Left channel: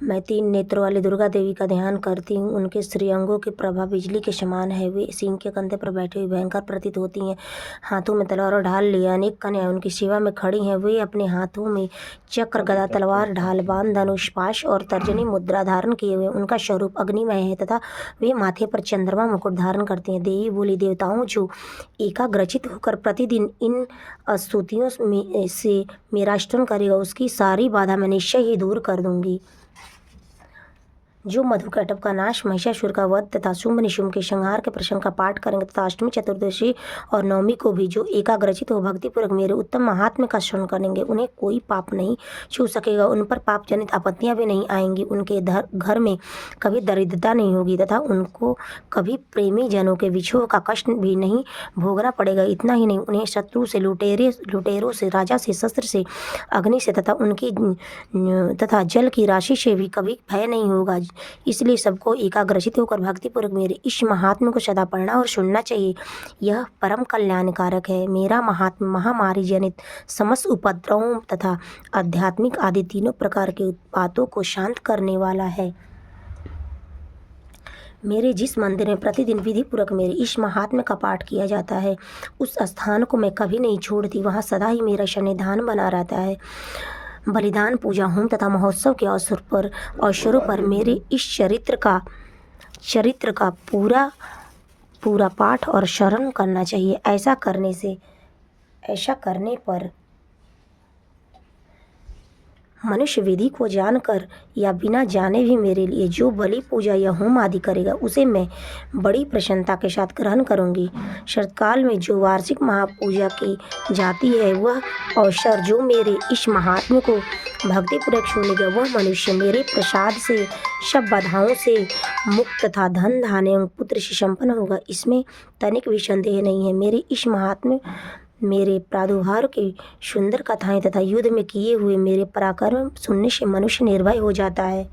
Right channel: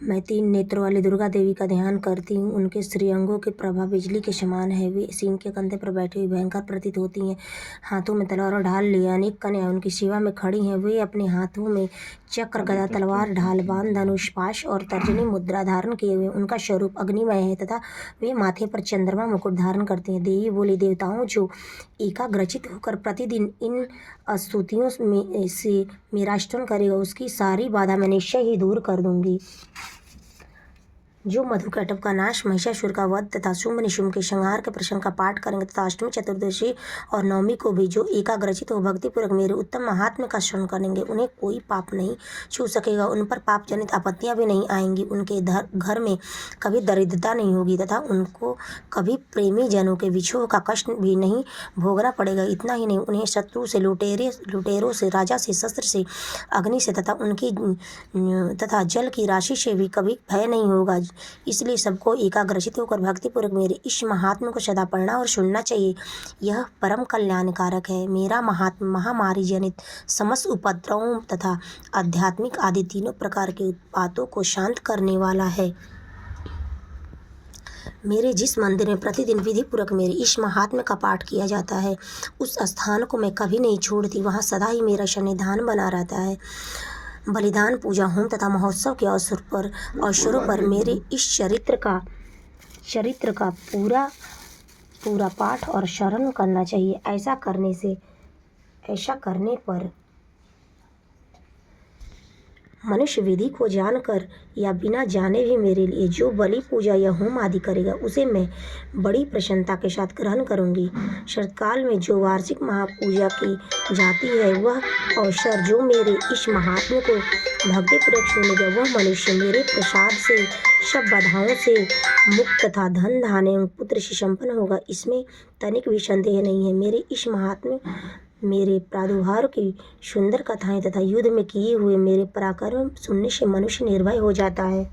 मैं 3 नेत्रों वाली दुर्गा देवी का ध्यान करती हूँ। उनके श्रीअंगों की प्रभा बिजली के समान है। वे सिंह के कंधे पर बैठी हुई भयंकर प्रतीत होती हैं। हाथों में तलवार और ढाल लिए अनेक कन्याएं उनकी सेवा में खड़ी हैं। वे अपने हाथों में चक्र, गदा, तलवार, ढाल, बाण, धनुष, पाश और तर्जनी मुद्रा धारण किए हुए। उनका स्वरूप अग्निमय है तथा वे माथे पर चंद्रमा मुकुट धारण करती हैं। देवी बोली, देवताओं, जो एकाग्रचित होकर प्रतिदिन इन स्तुतियों से मेरा स्तुति करेगा, उसकी सारी बाधा मैं निश्चय ही दूर कर दूंगी। जो मधुकैटभ का नाश, महिषासुर का वध तथा शुंभ निशुंभ के संहार के प्रसंग का पाठ करेंगे तथा अष्टमी, चतुर्दशी और नवमी को भी जो एकाग्रचित हो भक्तिपूर्वक मेरे उत्तम महात्म्य का श्रवण करेंगे, उन्हें कोई पाप नहीं छू सकेगा। उन पर पाप जनित आपत्तियां भी नहीं आएंगी। उनके घर में कभी दरिद्रता नहीं होगी तथा उनको कभी प्रेमी जनों के विछोह का कष्ट भी नहीं भोगना पड़ेगा। इतना ही नहीं, उन्हें शत्रु से, लुटेरों से, राजा से, शस्त्र से, अग्नि से तथा जल की राशि से भी कभी भय नहीं होगा। इसलिए सबको एकाग्रचित होकर भक्तिपूर्वक मेरे इस महात्म्य को सदा पढ़ना और सुनना चाहिए। यह परम कल्याणकारक है। मेरा महात्म्य महामारी जनित समस्त उपद्रवों तथा आध्यात्मिक आदि तीनों प्रकार के उत्पातों को शांत करने वाला है। मेरे जिस मंदिर में प्रतिदिन विधि पूर्वक मेरे इस महात्म्य का पाठ किया जाता है, उस स्थान को मैं कभी नहीं छोड़ती। वहाँ सदा ही मेरा सन्निधान बना रहता है। बलिदान, पूजा, होम तथा महोत्सव के अवसरों पर मेरे इस चरित्र का पूरा पाठ और श्रवण करना चाहिए। ऐसा करने पर मनुष्य विधि को जानकर या बिना जाने भी मेरे लिए जो बलि, पूजा या होम आदि करेगा, उसे मैं बड़ी प्रसन्नता के साथ ग्रहण करूंगी। शरतकाल में जो वार्षिक महापूजा की जाती है, वह अवसर जो मेरे इस महात्म्य को भक्तिपूर्वक सुनेगा, वह मनुष्य मेरे प्रसाद से सब बाधाओं से मुक्त तथा धन, धान्य एवं पुत्र से संपन्न होगा। इसमें तनिक भी संदेह नहीं है। मेरे इस महात्म्य, मेरे प्रादुर्भाव की सुंदर कथाएं तथा युद्ध में किए हुए मेरे पराक्रम सुनने से मनुष्य निर्भय हो जाता है।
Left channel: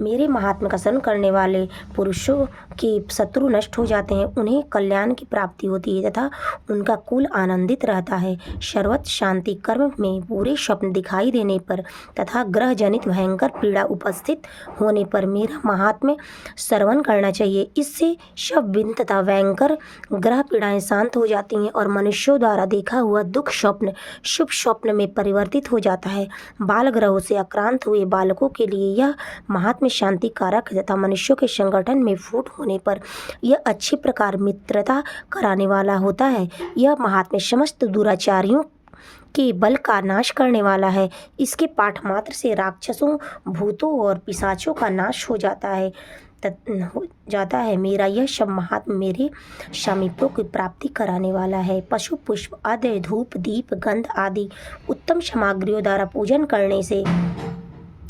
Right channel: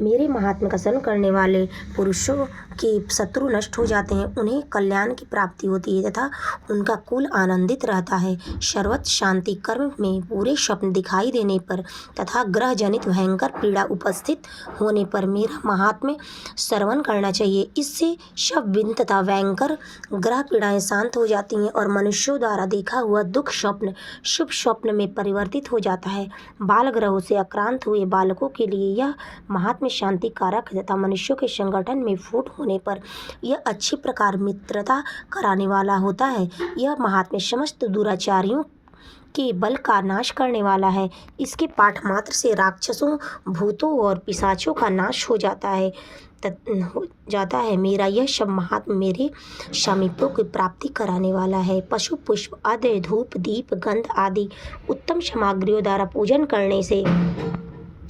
मेरे महात्म्य का श्रवण करने वाले पुरुषों के शत्रु नष्ट हो जाते हैं। उन्हें कल्याण की प्राप्ति होती है तथा उनका कुल आनंदित रहता है। सर्वत्र शांति, कर्म में पूरे स्वप्न दिखाई देने पर तथा ग्रह जनित भयंकर पीड़ा उपस्थित होने पर मेरा महात्म्य श्रवण करना चाहिए। इससे सब विघ्न तथा भयंकर ग्रह पीड़ाएं शांत हो जाती हैं और मनुष्यों द्वारा देखा हुआ दुख स्वप्न शुभ स्वप्न में परिवर्तित हो जाता है। बाल ग्रहों से आक्रांत हुए बालकों के लिए यह महात्म्य शांति कारक है तथा मनुष्यों के संगठन में फूट होने पर यह अच्छी प्रकार मित्रता कराने वाला होता है। यह महात्म्य समस्त दुराचारियों के बल का नाश करने वाला है। इसके पाठ मात्र से राक्षसों, भूतों और पिशाचों का नाश हो जाता है। मेरा यह सब महात्म्य मेरे समीपों की प्राप्ति कराने वाला है। पशु, पुष्प, आदि, धूप, दीप, गंध आदि उत्तम सामग्रियों द्वारा पूजन करने से,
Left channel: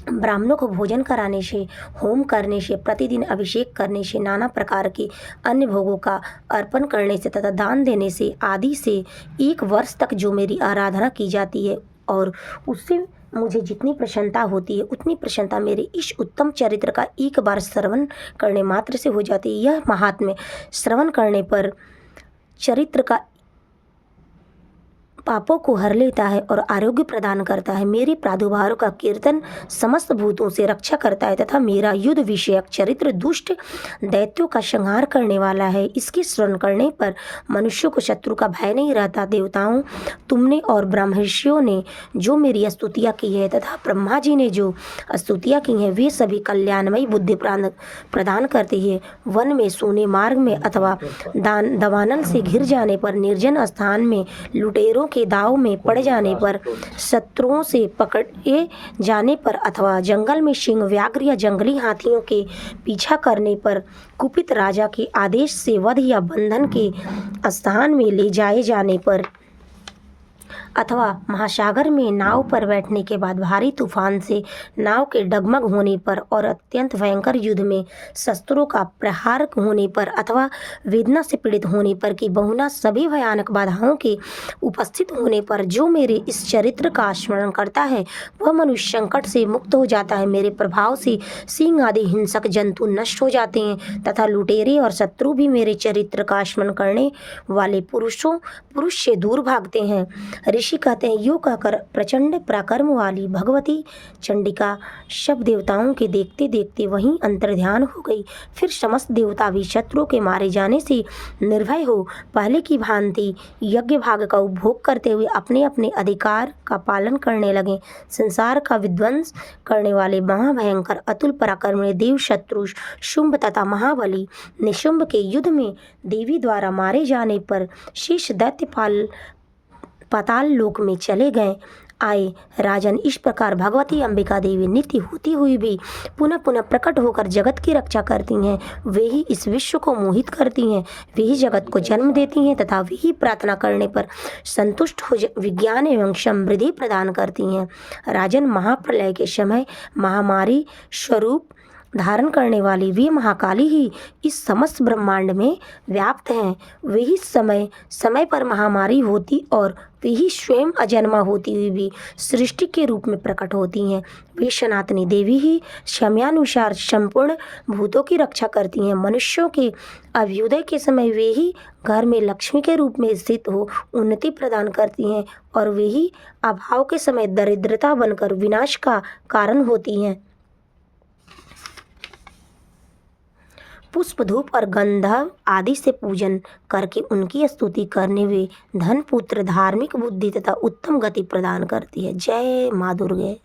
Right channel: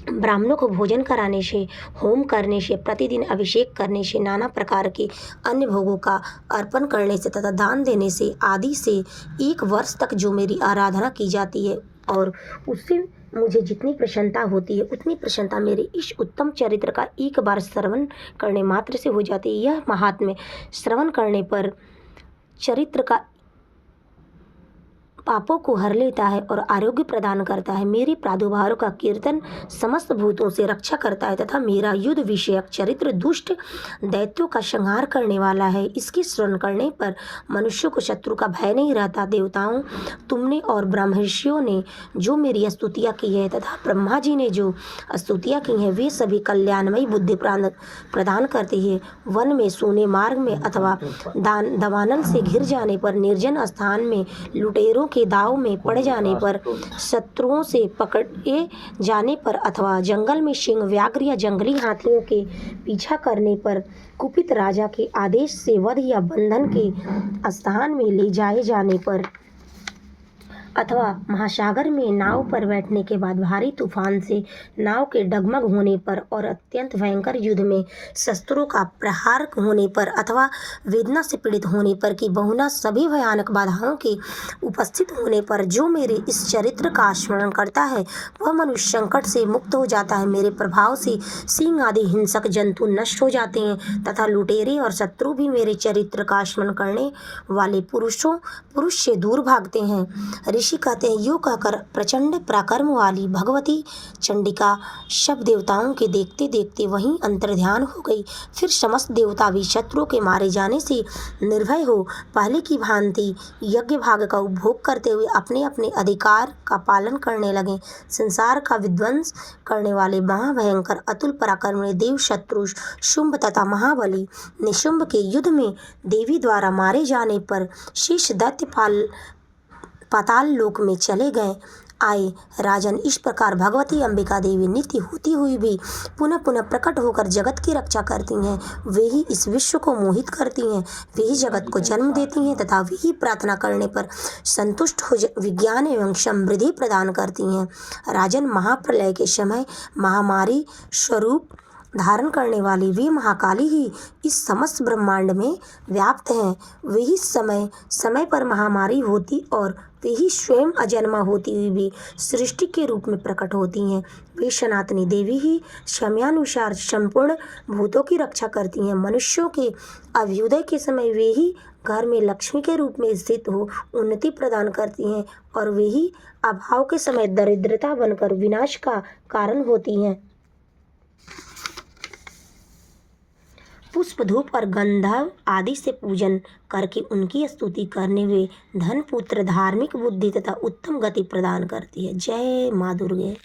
ब्राह्मणों को भोजन कराने से, होम करने से, प्रतिदिन अभिषेक करने से, नाना प्रकार के अन्य भोगों का अर्पण करने से तथा दान देने से आदि से 1 वर्ष तक जो मेरी आराधना की जाती है और उससे मुझे जितनी प्रसन्नता होती है, उतनी प्रसन्नता मेरे इस उत्तम चरित्र का एक बार श्रवण करने मात्र से हो जाती है। यह महात्म्य श्रवण करने पर चरित्र का पापों को हर लेता है और आरोग्य प्रदान करता है। मेरे प्रादुर्भाव का कीर्तन समस्त भूतों से रक्षा करता है तथा मेरा युद्ध विषयक चरित्र दुष्ट दैत्यों का संहार करने वाला है। इसके श्रवण करने पर मनुष्यों को शत्रु का भय नहीं रहता। देवताओं, तुमने और ब्रह्मर्षियों ने जो मेरी स्तुतियाँ की है तथा ब्रह्मा जी ने जो स्तुतियाँ की हैं, वे सभी कल्याणमयी बुद्धि प्रदान करती है। वन में, सोने मार्ग में अथवा दवानल से घिर जाने पर, निर्जन स्थान में, लुटेरों के दाव में पड़ जाने पर, शत्रुओं से पकड़े जाने पर अथवा जंगल में सिंह, व्याघ्र या जंगली हाथियों के पीछा करने पर, कुपित राजा के आदेश से वध या बंधन के स्थान में ले जाए जाने पर अथवा महासागर में नाव पर बैठने के बाद भारी तूफान से नाव के डगमग होने पर और अत्यंत भयंकर युद्ध में शस्त्रों का प्रहार होने पर अथवा वेदना से पीड़ित होने पर कि बहुना सभी भयानक बाधाओं के उपस्थित होने पर जो मेरे इस चरित्र का स्मरण करता है, वह मनुष्य संकट से मुक्त हो जाता है। मेरे प्रभाव से सिंह आदि हिंसक जंतु नष्ट हो जाते हैं तथा लुटेरे और शत्रु भी मेरे चरित्र का स्मरण करने वाले पुरुष से दूर भागते हैं। ऋषि कहते हैं, यूँ कहकर प्रचंड पराक्रम वाली भगवती चंडिका सब देवताओं के देखते देखते वहीं अंतर्ध्यान हो गई। फिर समस्त देवता भी शत्रुओं के मारे जाने से निर्भय हो पहले की भांति यज्ञ भाग का उपभोग करते हुए अपने अपने अधिकार का पालन करने लगे। संसार का विध्वंस करने वाले महाभयंकर अतुल पराक्रमी देव शत्रु शुंभ तथा महाबली निशुंभ के युद्ध में देवी द्वारा मारे जाने पर शेष दैत्य पाताल लोक में चले गए आए। राजन, इस प्रकार भगवती अंबिका देवी नित्य होती हुई भी पुनः पुनः प्रकट होकर जगत की रक्षा करती हैं। वे ही इस विश्व को मोहित करती हैं, वे ही जगत को जन्म देती हैं तथा वे ही प्रार्थना करने पर संतुष्ट हो विज्ञान एवं समृद्धि प्रदान करती हैं। राजन, महाप्रलय के समय महामारी स्वरूप धारण करने वाली वे महाकाली ही इस समस्त ब्रह्मांड में व्याप्त हैं। वे ही समय समय पर महामारी होती और वे ही स्वयं अजन्मा होती हुई भी सृष्टि के रूप में प्रकट होती हैं। वे सनातनी देवी ही समयानुसार संपूर्ण भूतों की रक्षा करती हैं। मनुष्यों के अभ्युदय के समय वे ही घर में लक्ष्मी के रूप में स्थित हो उन्नति प्रदान करती हैं और वे ही अभाव के समय दरिद्रता बनकर विनाश का कारण होती हैं। पुष्प, धूप और गंधर्व आदि से पूजन करके उनकी स्तुति करने वे धन, पुत्र, धार्मिक बुद्धि तथा उत्तम गति प्रदान करती है। जय माँ दुर्गे।